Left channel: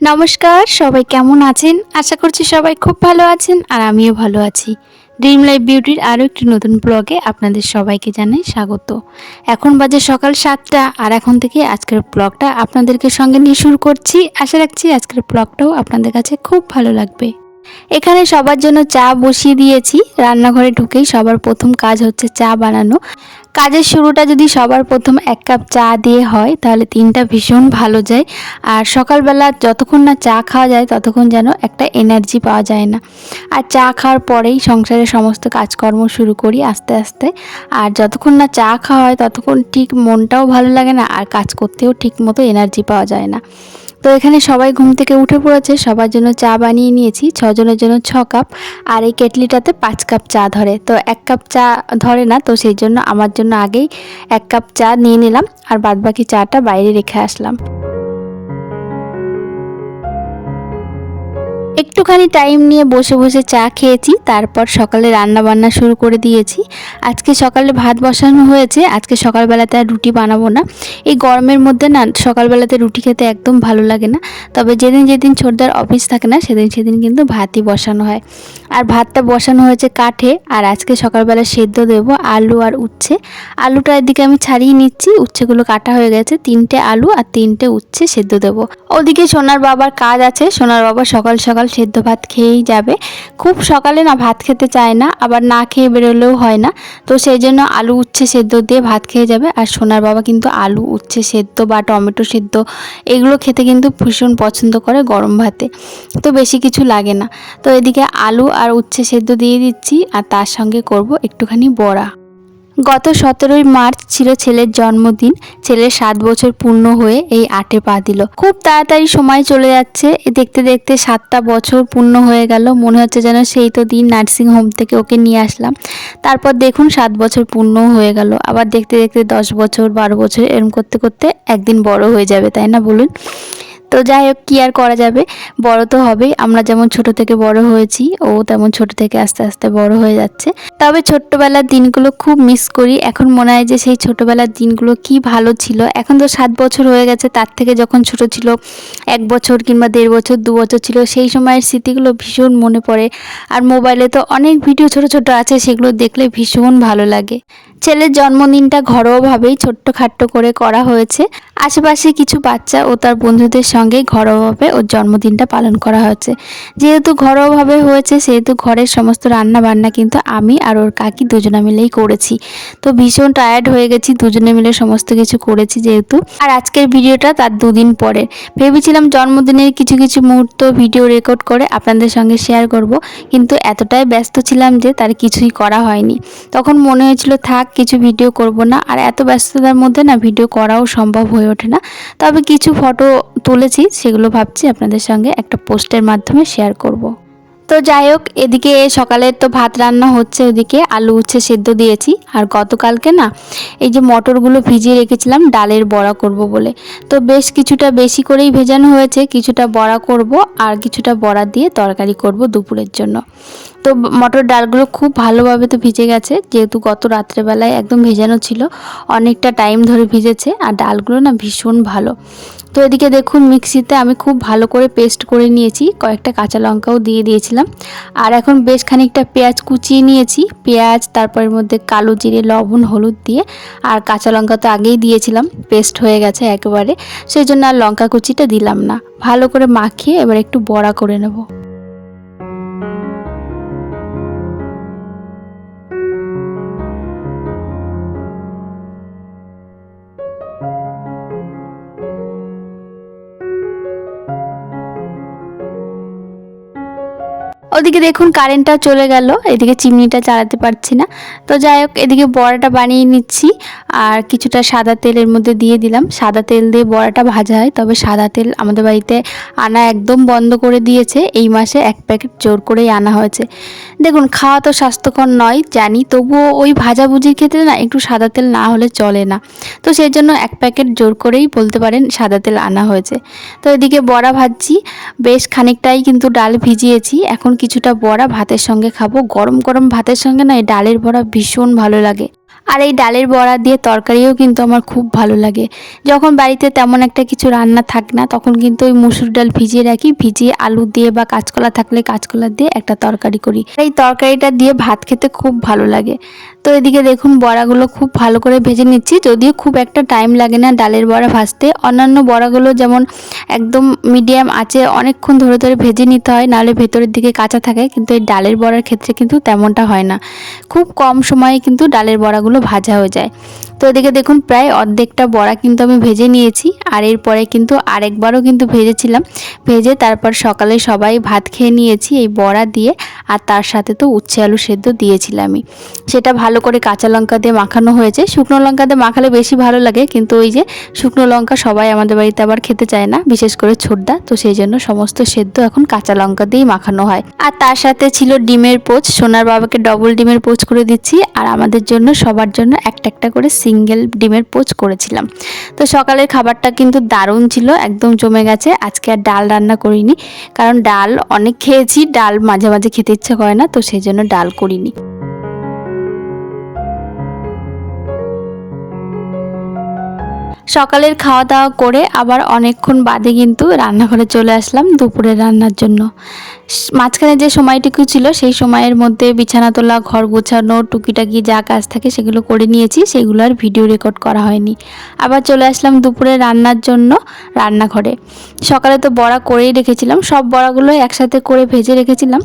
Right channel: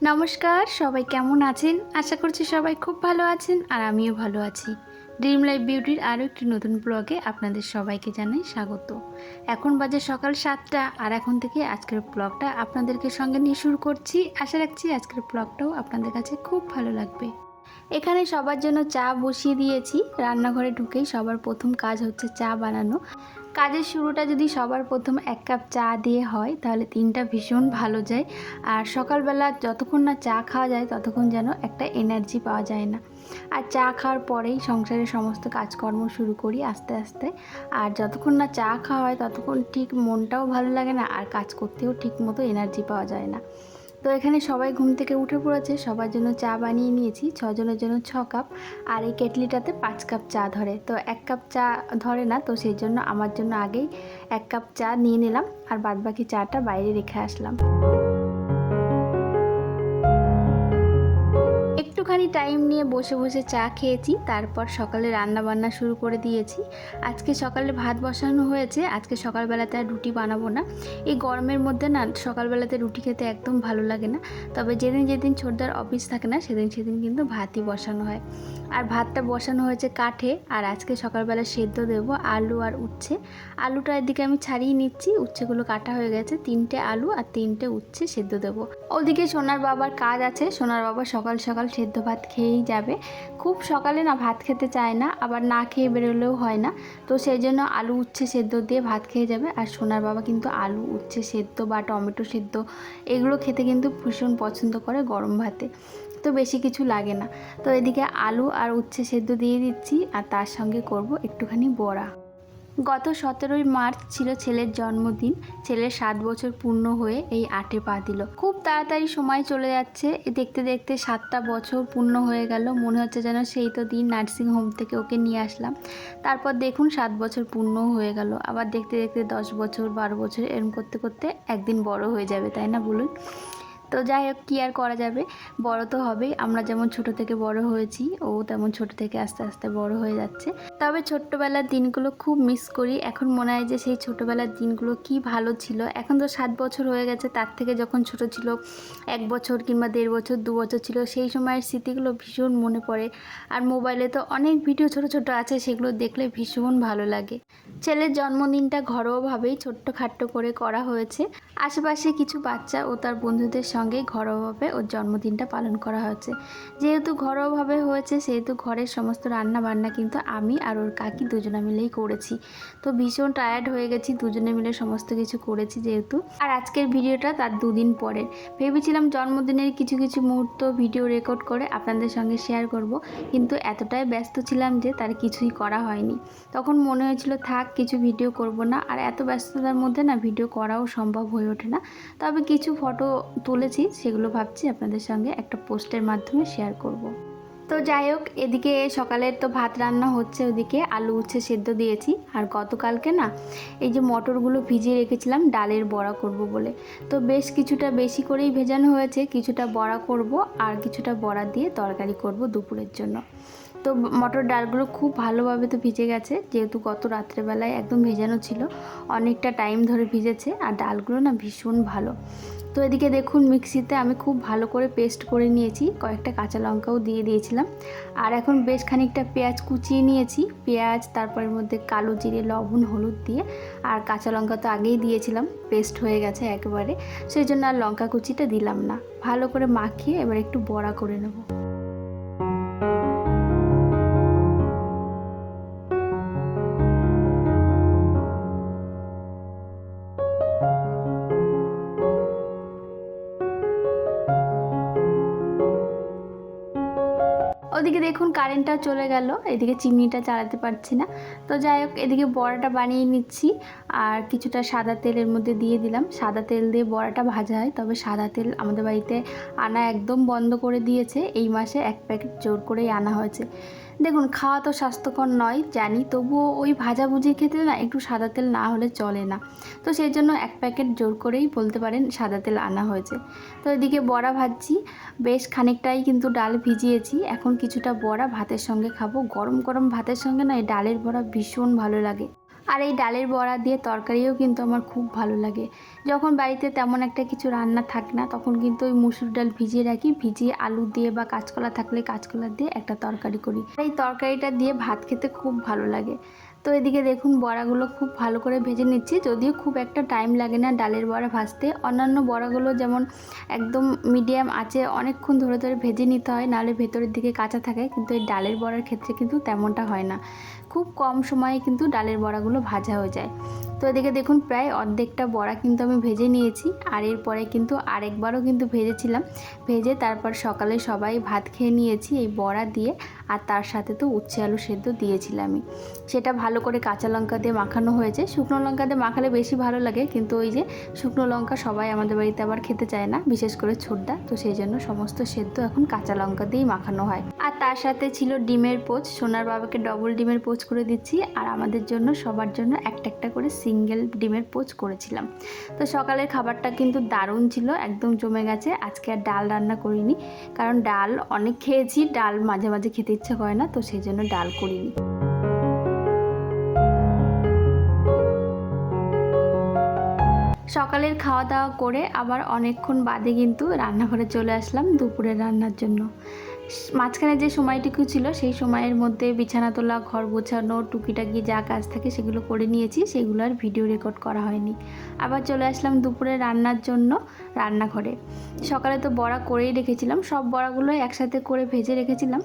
নমস্কার, সবাই কেমন আছেন? আশা করছি সবাই খুব ভালো আছেন আর আমিও ভালো আছি। ড্রিম লাইফ বিউটির আরও একটি নতুন ব্লগে আপনাদের সবাইকে জানাই স্বাগত। এখন বাজে সকাল ৭টা আর এখন থেকে আজকের ব্লগটা আপনাদেরকে সঙ্গে নিয়ে শুরু করছি। আশা রাখছি আজকের ব্লগটাও আপনাদের কাছে খুব ভালো লাগবে। এখানে সবার জন্য চা বসিয়ে দিয়েছি। রান্নাঘরে ঢুকেই সবার প্রথম কাজ হচ্ছে চা বানানো। কাজের শুরুটা যদি সবার প্রথম ১ কাপ চা দিয়ে হয় তাহলে দিনটা ভীষণ ভালো যায়। আর সকালবেলা যতক্ষণ না চা খাওয়া যায় ততক্ষণ যেন একটা এনার্জি পাওয়া যায় না। আর চা খাওয়ার পরেই সংসারের সমস্ত কাজকর্ম শুরু করি আস্তে আস্তে। আর যতক্ষণ না চা খাওয়া হয় ততক্ষণ ঠিক মনটাও ভালো লাগে না, আর কাজ করতেও ঠিক মতো এনার্জি পাওয়া যায় না। তো এখানে সবাই ঘুম থেকে উঠে পড়েছে, সবার জন্য চা বানিয়ে নিয়েছি। ৬ জনের জন্য ৬ কাপ, আর এই কেটলিটাতে ৫ কাপ চা ধরে। তো ১ কাপ চা ধরে না, তো সেই জন্য আমার জন্য আগেই ১ কাপ চা নিয়ে নিলাম আর বাদবাকি চাটা বাইরে রেখে আসলাম। একটুখানি টাইম নিয়ে বসে বসে চা খেয়েছি, তারপর সকালে রান্না বান্না শুরু করে দিয়েছি। আজকে সকালে ভাত বসানো হয়েছে। আজকে সকালবেলাতে আর রুটি বানাবো না। এই গরমের মধ্যে না সকালবেলাতে রুটি খেতে একদম ভালো লাগে না। তবে যেদিন যেদিন ছোটদার অফিস থাকে না সেদিন কিন্তু ভাতই বসানো হয়। আর ভাতটা বসানো হয়েছে কাঠে। আর আজকে সকালবেলা সেদ্ধ দেবো আলু আর উচ্ছে। আলুটা এদিকে আমি ছাড়িয়ে নিচ্ছি, উচ্ছেগুলো কাটা হয়ে গেছে। 3টে আলু আর 3টে উচ্ছে সেদ্ধ দেবো। ওদিকে সোনার বাবার কাজ আছে। সোনার বাবা সকাল সকাল সেদ্ধ ভাত খেয়েই যাবে। খুব সকালে না ভাত খেতে চায় না, আবার না খেয়ে বেরোলেও হয় না। তো সেই জন্য আলু উচ্ছে সেদ্ধ দিয়ে ভাত খেয়ে যাবে। আর সোনার বাবা কিন্তু আলু উচ্ছে সেদ্ধ বা টমেটো সেদ্ধ এগুলো খেতে কিন্তু ভীষণ পছন্দ করে গরম ভাতে। তো বেশি কিছু লাগে না। তো এদিকে আলু আর উচ্ছে সেদ্ধ দিয়ে দিচ্ছি, আর তার সঙ্গে করব একটুখানি বড়া। গত 17ই মার্চ ছিল ছেলের জন্মদিন। ছেলের 7 বছর পূর্ণ হয়ে এই 8-এ পা দিল। খুব তাড়াতাড়ি সময় চলে যাচ্ছে। দেখতে দেখতে 7টা বছর পূর্ণ হয়ে গেল। মনে হচ্ছে যেন সেই তো দিন নার্সিং হোম থেকে ওকে নিয়ে আসলাম। তারপর দেখুন 7 বছর পূর্ণ হয়ে গেল। আবার দেখতে দেখতে 10 বছর 12 বছর এরম করতে করতে একদিন বড় হয়ে যাবে, তাই না বলুন? তো যাই হোক, কী আর করা যাবে, বড় তো হবেই। আমরা যেমন ছোট থেকে বড় হয়েছি, ও তেমন ছোট থেকে আস্তে আস্তে বড় হয়ে যাচ্ছে। তবে ছোট্টবেলার দিনগুলো খুব মিস করি। এখন মনে হয় যে সেই ছোটবেলার দিনগুলো কি ভালো ছিল। এখন তো 7 বছর হয়ে গেছে, তার থেকে যখন ছোট ছিল 1 বছর কিংবা 1.5 বছর 2 বছর ছিল, সেই সময়ের স্মৃতিগুলো ভীষণ মনে পড়ে। আর মোবাইলে তো অনেক ভিডিও ছোট ছোট আছে, সেগুলো দেখলে ভীষণ ভালো লাগে। ছেলের জন্মদিনটা ঘরোয়াভাবেই ছোট্টখাট্টো করে করা হয়েছে। আশেপাশে কিছু বাচ্চা ও তার বন্ধুদের সঙ্গে ঘরোয়াভাবে ওর জন্মদিনটা পালন করা হয়েছে। যেহেতু ঘরোয়াভাবে হয়েছে সেহেতু ঘরের সমস্ত রান্না বান্না কিন্তু আমি আর ওর কাকি দুজনে মিলেই করেছি। তো ভীষণ টায়ার্ড হয়ে গেছি, দুজনে মিলে সমস্ত কিছু করেছি যেহেতু। আর আজকের ভিডিওটা তার 2 দিন পরে। ভেবেছিলাম জন্মদিনের কিছু কিছু মুহূর্ত ভিডিও রেকর্ড করে আপনাদের সঙ্গে শেয়ার করব, কিন্তু এতটাই ব্যস্ত ছিলাম যে তার কিছুই করা হয়নি। তখন মনে হয়েছিল থাক, কিছু ভিডিও করব না। আর এত ব্যস্ততার মধ্যে না ভিডিও করাও সম্ভব হয়ে ওঠে না। তবে কিছু ফটো তুলেছি, সেগুলো ভাবছি আপনাদের সঙ্গে একটা পোস্টের মাধ্যমে শেয়ার করব। তো যাই হোক, এদিকে সকালের তো ভাত রান্না হচ্ছে, ওদিকে আলু উচ্ছে সেদ্ধ দিয়েছি। আর গতকালকে না এই যে মটরগুলো ভিজিয়ে রেখেছিলাম ডালের বড়া করব বলে। তো বেশ কিছুটা বেশি করেই ভেজানো হয়েছে, কিছুটা বড়া করব আর কিছুটা বড়া দিয়ে তরকারি করব দুপুরের জন্য। তো মটর ডালগুলো খুব ভালোভাবে তো ভিজে গেছে, যেহেতু গত রাত্রেবেলায় একদম ভেজানো ছিল, অনেকটা টাইম ধরে ভিজেছে। আর ডালগুলো না ভীষণ ভালো। তো এদিকে দেখুন মিক্সিতে আমি খুব ভালো করে পেস্ট করে নিয়েছি, কয়েকটা কাঁচা লঙ্কাও দিয়ে দিয়েছিলাম। আর এখন বেশ খানিকটা পেঁয়াজ কুচিয়ে নিয়েছি। পেঁয়াজ, তারপরের মধ্যে কালো জিরে, লবণ, হলুদ দিয়ে, আর কাঁচা লঙ্কা তো আগেই দিয়েছিলাম, পেস্ট হয়ে গেছে একেবারে, সেই জন্য আর লঙ্কা কুচিটা দিলাম না। ভালো করে মাখিয়ে এবার একটু বড়া করে নেব। ওদিকে দেখুন কারেন্টটা চলে গেল, এদিকে চিমনিটা চালাতে পারছি না। তো যাই হোক, এদিকে বড়াটা বানিয়ে নিচ্ছি। আর কিছুটা সাদা তেলের মধ্যে দিয়ে দিলাম। সাদা তেল দিয়ে বড়াটা ভাজা হয়, তবে সাদা তেল আমাদের বাড়িতে আনা একদম বন্ধ করে দিয়েছে। এই মাসে 1 প্যাকেট জোর করেই আনা হয়েছে। দেখুন, খাওয়া তো স্বাস্থ্যকর নয় জানি, তবুও ওই ভাজাভুজির ক্ষেত্রে না একটু সাদা তেল না হলে চলে না। তো সেই জন্য 1 প্যাকেট জোর করেই বলতে পারেন সাদা তেল আনা হয়েছে। তো এদিকে বড়া ভাজছি, বেশ খানিকটাই কিন্তু ডাল ভিজিয়েছি। এখন কিছুটা বড়া ভাতের সঙ্গে খাবো। গরম গরম ভাতের সঙ্গে না এই ডালের বড়া ভীষণ ভালো লাগে। আর এই ডালের বড়া দিয়ে তরকারিও কিন্তু আমার খুব ভালো লাগে। যখন বাড়িতে তেমন একটা কিছু রান্না থাকে না তখন কিন্তু ওই মুসুর ডাল ভিজিয়ে রাখি, ভিজিয়ে আলু দিয়ে বা কাঁচকলা থাকলে কাঁচকলা দিয়ে একটা তরকারি করি। এই তরকারিটা দিয়ে ভাত খেতে খুব ভালো লাগে। তো এদিকে দেখুন বড়াগুলো খুব ভালো করে ভেজে নিচ্ছি, যদিও খুব একটা টাইম লাগে না ডালের বড়া ভাজতে। অন্যান্য বড়াগুলো যেমন একদম মিডিয়াম আঁচে অনেকক্ষণ ধরে ধরে ভেজে নিতে হয়, নাহলে ভেতরের দিকে কাঁচা থাকে, কিন্তু এই ডালের বড়ার ক্ষেত্রে কিন্তু তেমনটা হয় না। খুব কম সময়ে কিন্তু ডালের বড়াগুলো ভাজা হয়ে যায়। তো এদিকে দেখুন প্রায় অর্ধেকটা বড়া কিন্তু আমি ভেজে নিয়েছি, আর এরপরে কিন্তু আরেকবারও কিন্তু ভেজেছিলাম। ভেজে তারপর সকালে সবাই ভাত খেয়ে নিয়েছি এই বড়া দিয়ে, আর তার সাথে তো উচ্ছে আলু সেদ্ধ দিয়েছিলামই। সেটা ভালো করে কাঁচা লঙ্কা দিয়ে মাখানো হয়েছে। শুকনো লঙ্কা দিয়ে মাখালে বেশি ভালো লাগে, কিন্তু ওই যে শুকনো লঙ্কা সবাই আমাদের বাড়িতে আবার খেতে চায় না, বিশেষ করে ছোটদা, তো সেই জন্য সমস্ত সেদ্ধ এখন কাঁচা লঙ্কা দিয়েই মাখানো হয়। আর তার সাথে ছিল ডিমের পোচ, সোনার বাবাকে ডবল ডিমের পোচ করে দিচ্ছি, আর আমাদের জন্য সবার জন্য একটা একটা করে সিঙ্গেল ডিমের পোচ করেছিলাম। তো সকালের খাবারটা কিন্তু দারুণ ছিল, একদম জমে গেছে। আজকে আর ডাল রান্না করিনি, কারণ ডাল অনেক খেয়েছি, ডাল মাঝে মাঝে খেতে ইচ্ছা করে না, তো সেই জন্য ডাল করিনি। সকালের খাওয়া দাওয়া করে আবার অনেকক্ষণ বাদে কিন্তু রান্নাঘরে চলে আসলাম দুপুরের রান্নার জন্য। মাঝখানে যে সময়টুকু ছিল সেই সময়ের মধ্যে বিছানা তোলা, ঘর গোছানো, টুকিটাকি যা কাজ থাকে সেগুলো করে নিয়েছি, সেগুলো আর ভিডিও রেকর্ড করা হয়নি। আবার চলে আসলাম দুপুরে রান্নার জন্য রান্নাঘরে। সকালে তো বড়া করেই রেখেছিলাম, সব বড়াগুলো একসাথে করে ভেজে রেখেছিলাম,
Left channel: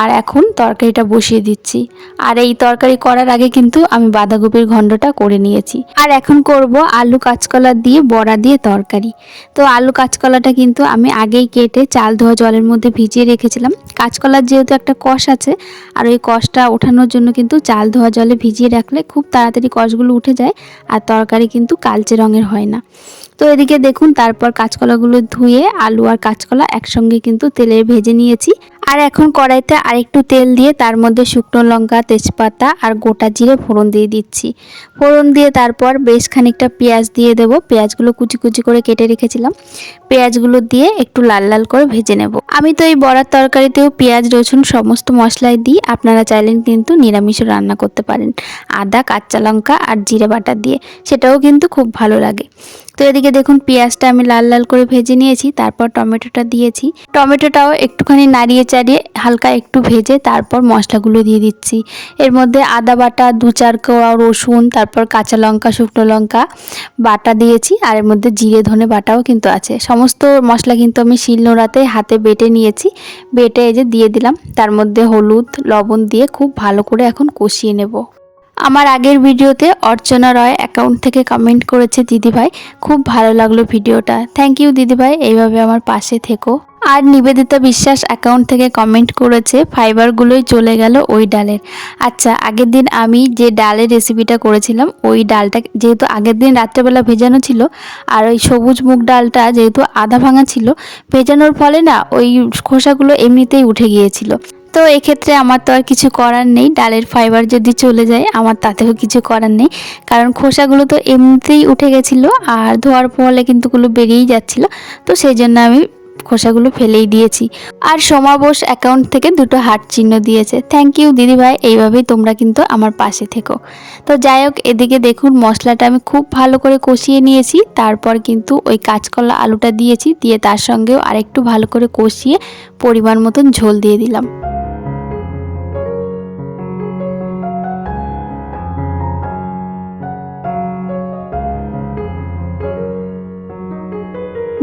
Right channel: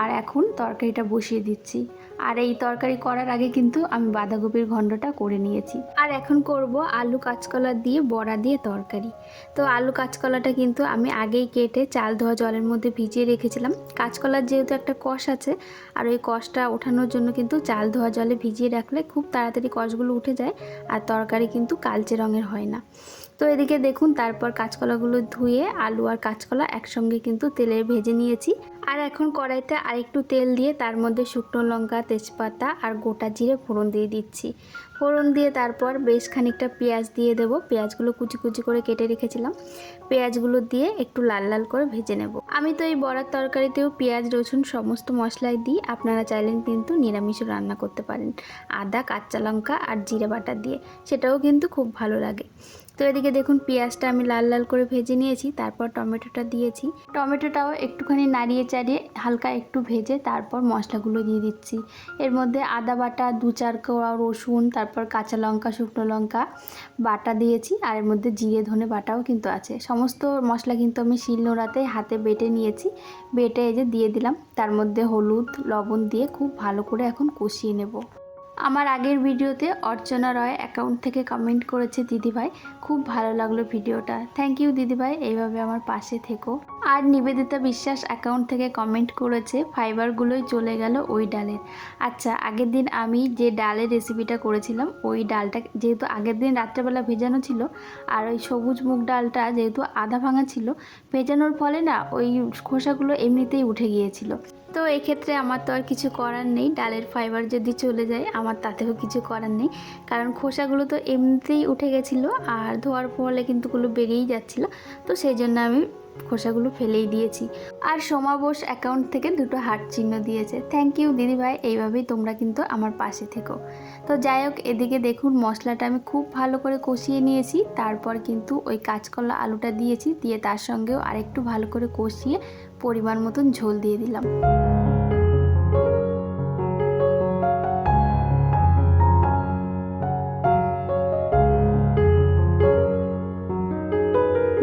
আর এখন তরকারিটা বসিয়ে দিচ্ছি। আর এই তরকারি করার আগে কিন্তু আমি বাঁধাকপির ঘন্টটা করে নিয়েছি। আর এখন করব আলু কাঁচকলা দিয়ে বড়া দিয়ে তরকারি। তো আলু কাঁচকলাটা কিন্তু আমি আগেই কেটে চাল ধোয়া জলের মধ্যে ভিজিয়ে রেখেছিলাম। কাঁচকলার যেহেতু একটা কষ আছে, আর ওই কষটা ওঠানোর জন্য কিন্তু চাল ধোয়া জলে ভিজিয়ে রাখলে খুব তাড়াতাড়ি কষগুলো উঠে যায়, আর তরকারি কিন্তু কালচে রঙের হয় না। তো এদিকে দেখুন তারপর কাঁচকলাগুলো ধুয়ে আলু আর কাঁচকলা একসঙ্গে কিন্তু তেলে ভেজে নিয়েছি। আর এখন কড়াইতে আরেকটু তেল দিয়ে তার মধ্যে শুকনো লঙ্কা, তেজপাতা আর গোটা জিরে ফোড়ন দিয়ে দিচ্ছি। ফোড়ন দিয়ে তারপর বেশ খানিকটা পেঁয়াজ দিয়ে দেবো। পেঁয়াজগুলো কুচি কুচি করে কেটে রেখেছিলাম, পেঁয়াজগুলো দিয়ে একটু লাল লাল করে ভেজে নেব। আমি তো এই বড়ার তরকারিতেও পেঁয়াজ রসুন সমস্ত মশলাই দিই, আপনারা চাইলেন কিন্তু নিরামিষও রান্না করতে পারেন, আদা, কাঁচা লঙ্কা আর জিরে বাটা দিয়ে, সেটাও কিন্তু খুব ভালো লাগে। তো এদিকে দেখুন পেঁয়াজটা আমি লাল লাল করে ভেজে নিয়েছি, তারপর টমেটোটা দিয়েছি। টমেটোটাও একটুখানি নাড়িয়ে চাড়িয়ে হালকা একটু ভেজে তারপর মশলাগুলো দিয়ে দিচ্ছি। এর মধ্যে আদা বাটা, 2-4 কোয়া রসুন, তারপর কাঁচা লঙ্কা, শুকনো লঙ্কা বাটা দিয়েছি, আর এর মধ্যে জিরে ধনে বাটাও কিন্তু আছে। সমস্ত মশলা কিন্তু আমি শিলনোড়াতে হাতে বেটে নিয়েছি, বেটে এই যে দিয়ে দিলাম। তার মধ্যে হলুদ লবণ দিয়ে খুব ভালো করে এখন কষিয়ে নেব। আমার আগের ভিডিওতে অর্চনা রয় অ্যাকাউন্ট থেকে কমেন্ট করেছে দিদিভাই, খুব ভালো লাগলো ভিডিওটা, থ্যাংক ইউ দিদিভাই, এইভাবে আমার পাশে থেকো। আর নিবেদিতা বিশ্বাস অ্যাকাউন্ট থেকে কমেন্ট করেছে ফাইবারগুলোই চলে গেল ওই ডালের। আচ্ছা, আগের দিন আমি যে ডালের রেসিপিটা করেছিলাম ওই ডালটা যেহেতু আগের দিন রাত্রেবেলা ভেজানো ছিল, আর ওই সবুজ মুগ ডালটা যেহেতু আধা ভাঙা ছিল, ভেজানোর ফলে না ওই খোসাগুলো এমনিতেই উঠে গিয়েছিল। তো এক্ষেত্রে আমার তো আর কিছু করার নেই, ডালের ফাইবার যদি চলে যায় আমার তাতেও কিছু করার নেই, কারণ খোসাগুলো তো এমনিতেই উঠে গেছিলো, আর ধোয়ার ফলে কিন্তু ওগুলো বেরিয়েই যাচ্ছিলো, তো সেই জন্য আমি খোসাগুলো ফেলেই দিয়েছি। আর সমাবোস অ্যাকাউন্ট থেকে 2টো হার্ট চিহ্ন দিয়েছে, থ্যাংক ইউ দিদিভাই, এইভাবেই তোমরা কিন্তু আমার পাশে থেকো। তো যাই হোক, এদিকে দেখুন মশলাটা আমি খুব ভালো করে কষিয়ে নিয়েছি, তারপর কিন্তু ওই কাঁচকলা আলুটা দিয়েছি, দিয়ে তার সঙ্গেও আরেকটু ভালো করে কষিয়ে পরিমাণ মতন ঝোল দিয়ে দিলাম।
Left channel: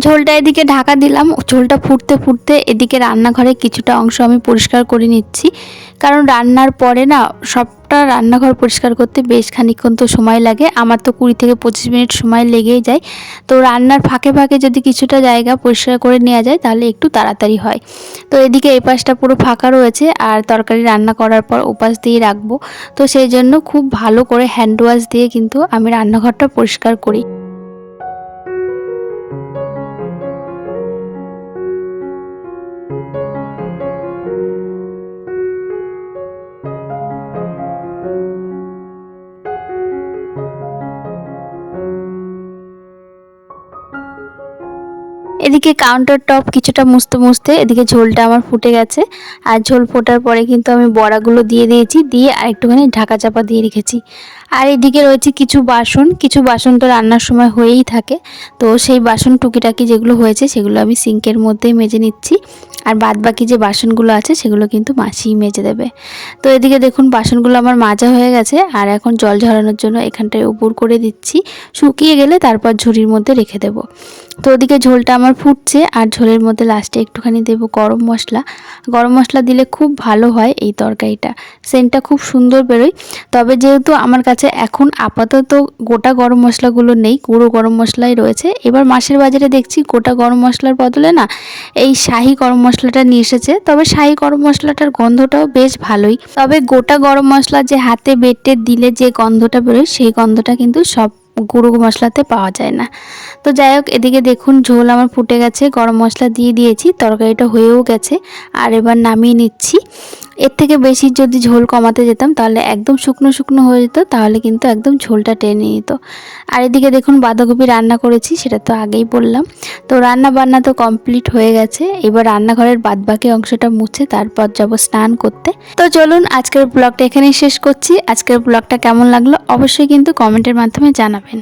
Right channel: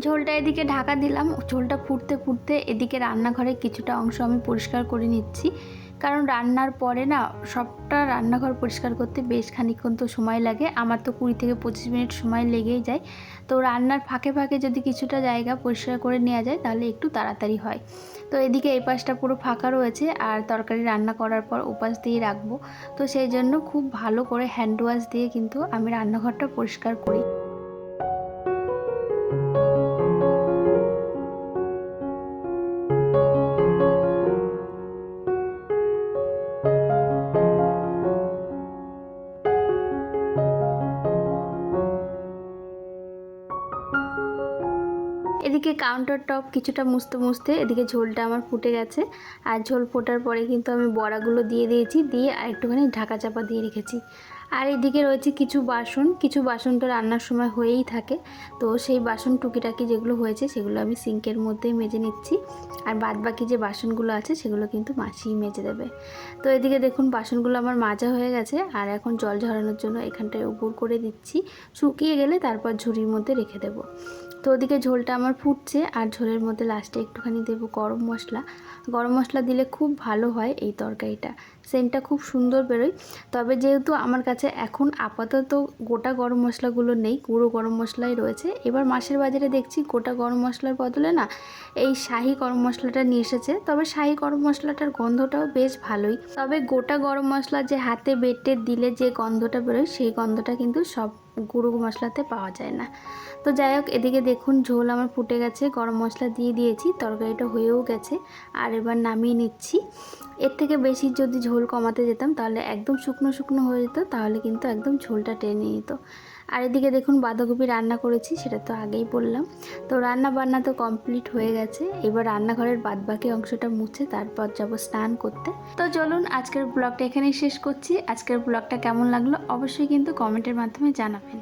ঝোলটা এদিকে ঢাকা দিলাম, ঝোলটা ফুটতে ফুটতে এদিকে রান্নাঘরে কিছুটা অংশ আমি পরিষ্কার করে নিচ্ছি, কারণ রান্নার পরে না সবটা রান্নাঘর পরিষ্কার করতে বেশ খানিকক্ষণ তো সময় লাগে, আমার তো 20 থেকে 25 মিনিট সময় লেগেই যায়। তো রান্নার ফাঁকে ফাঁকে যদি কিছুটা জায়গা পরিষ্কার করে নেওয়া যায় তাহলে একটু তাড়াতাড়ি হয়। তো এদিকে এই পাশটা পুরো ফাঁকা রয়েছে, আর তরকারি রান্না করার পর ওপাশ দিয়ে রাখবো, তো সেই জন্য খুব ভালো করে হ্যান্ড ওয়াশ দিয়ে কিন্তু আমি রান্নাঘরটা পরিষ্কার করি। এদিকে কাউন্টার টপ কিছুটা মুছতে মুছতে এদিকে ঝোলটা আমার ফুটে গেছে। আর ঝোল ফোটার পরে কিন্তু আমি বড়াগুলো দিয়ে দিয়েছি, দিয়ে আর একটুখানি ঢাকা চাপা দিয়ে রেখেছি। আর এদিকে রয়েছে কিছু বাসন তো রান্নার সময় হয়েই থাকে। তো সেই বাসন টুকিটাকি যেগুলো হয়েছে সেগুলো আমি সিঙ্কের মধ্যেই মেজে নিচ্ছি। আর বাদ বাকি যে বাসনগুলো আছে সেগুলো কিন্তু মাসিই মেজে দেবে। তো এদিকে দেখুন বাসনগুলো আমার মাজা হয়ে গেছে, আর এখন জল ঝরানোর জন্য এখানটায় উপর করে দিচ্ছি। শুকিয়ে গেলে তারপর ঝুড়ির মধ্যে রেখে দেবো। তো ওদিকে ঝোলটা আমার ফুটছে, আর ঝোলের মধ্যে লাস্টে একটুখানি দেবো গরম মশলা। গরম মশলা দিলে খুব ভালো হয় এই তরকারিটা, সেন্টটা খুব সুন্দর বেরোয়। তবে যেহেতু আমার কাছে এখন আপাতত গোটা গরম মশলাগুলো নেই, গুঁড়ো গরম মশলাই রয়েছে। এবার মাসের বাজারে দেখছি গোটা গরম মশলার বদলে না এই শাহি গরম মশলাটা নিয়ে এসেছে। তবে শাহি গরম মশলাটার গন্ধটাও বেশ ভালোই। তবে গোটা গরম মশলা যে হাতে বেটে দিলে যে গন্ধটা বেরোয় সেই গন্ধটা কিন্তু সব গুঁড়ো মশলাতে পাওয়া যায় না। তো যাই হোক, এদিকে দেখুন ঝোল আমার ফুটে গেছে, গরম মশলা দিয়ে দিয়েছি, তরকারিটা হয়েও গেছে। আর এবার নামিয়ে নিচ্ছি। এর থেকে বেশি যদি ঝোল কমাতে যেতাম তাহলে একদম শুকনো শুকনো হয়ে যেত, তাহলে কিন্তু একদম ঝোলটা টেনে নিত। আর এদিকে দেখুন বাঁধাকপি রান্না করেছি, সেটা তো আগেই বললাম। তো রান্না বান্না তো কমপ্লিট হয়ে গেছে। এবার রান্নাঘরের বাদবাকি অংশটা মুছে তারপর যাব স্নান করতে। তো চলুন আজকের ব্লগটা এখানেই শেষ করছি। আজকের ব্লগটা কেমন লাগলো অবশ্যই কিন্তু কমেন্টের মাধ্যমে জানাবেন।